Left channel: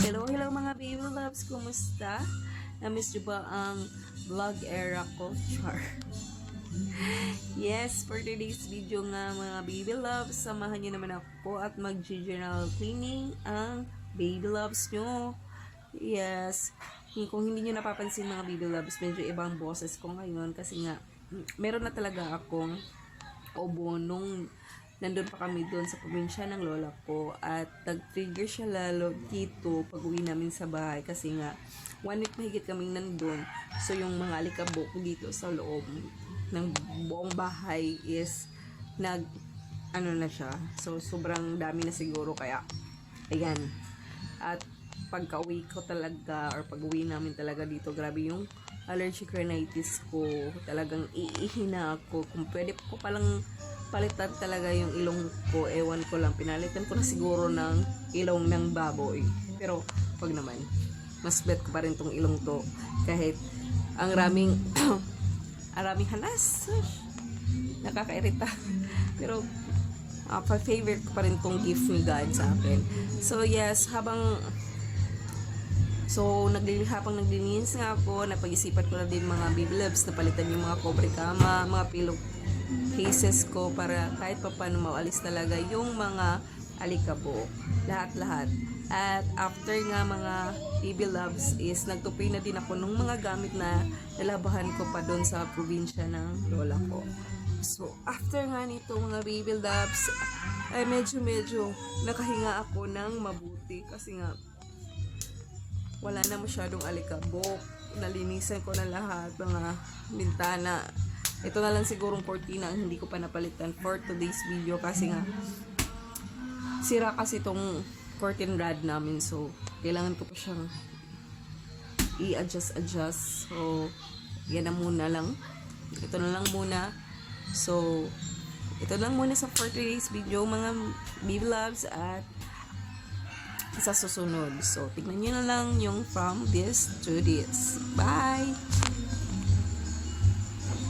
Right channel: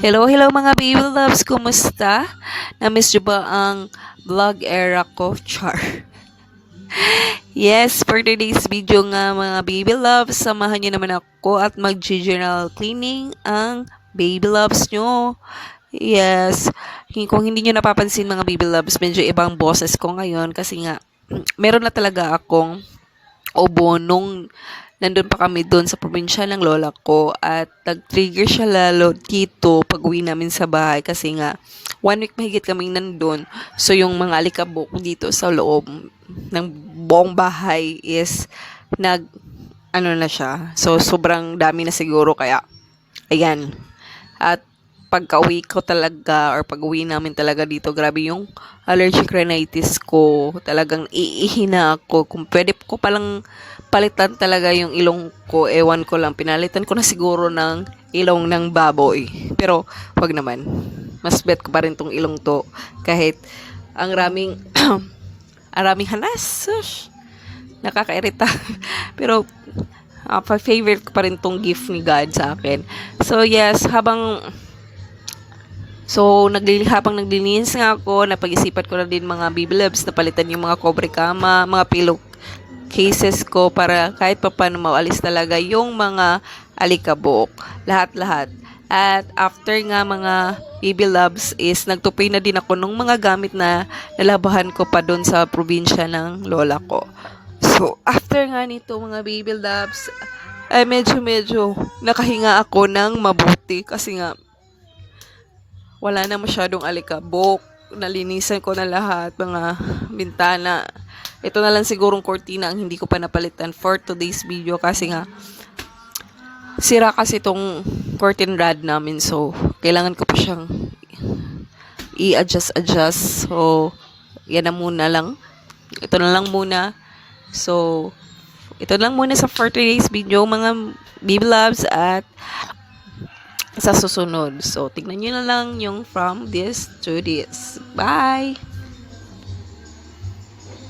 Hello, hello mga baby loves, kumusta? Na-miss nyo ba ang vlog era ko, Char? Yes, for today's video nga mga baby loves, samahan nyo naman ako at mag-general cleaning ang baby loves nyo. Yes, kung hindi nyo napapansin mga baby loves, medyo ibang boses ko ngayon kasi nga, meron na talaga akong ubo nung nandun pa kami doon sa probinsya ng lola ko at nag-trigger siya lalo dito pag uwi namin sa bahay kasi nga 1 week mahigit kaming nandun. So yung mga alikabok dito sa loob ng buong bahay is nag ano na siya. So sobrang dami na siguro kaya ayan. At pagka-uwi ko talaga or pag-uwi namin talaga dito, grabe yung allergic rhinitis ko. Talagang iihina ako. Kung pwede ko palang palitan talaga yung ilong ko, ewan ko lang. Pinalitan ko na siguro ng ilong ng baboy. Pero, wag naman. Mas bet ko pa rin tong ilong to. Kahit ang raming, ang raming hanas. Sush, nakakairita. Pero, favorite ko pa rin tong gift ni God sa akin. So, yes, habang naglilinis nga ako, napag-isipan ko na din mga baby loves na palitan yung mga cobre kama, mga pillow cases ko para kahit pa paano maalis talaga yung mga alikabok. Lahat-lahat. At after nga mga baby loves is nagtupay na din ako ng mga gamit na nalabahan ko pa doon sa probinsya ng lola ko. So, after nga nito mga baby loves, ay medyo nakahinga ako ng mabuti kasi nga wala na masyadong alikabok. Nalinisan ko na lahat, mga bintana. Ito na lang sigurong cortina ang hindi ko pa napalitan for today's video kasi nga sira kasi itong curtain rod namin. So, kailangan ko pa siyang i-adjust. So, yan na muna lang. Ito na lang muna. So, ito lang muna sa for today's video mga baby loves at sa susunod. So, tignan nyo na lang yung from this to this. Bye!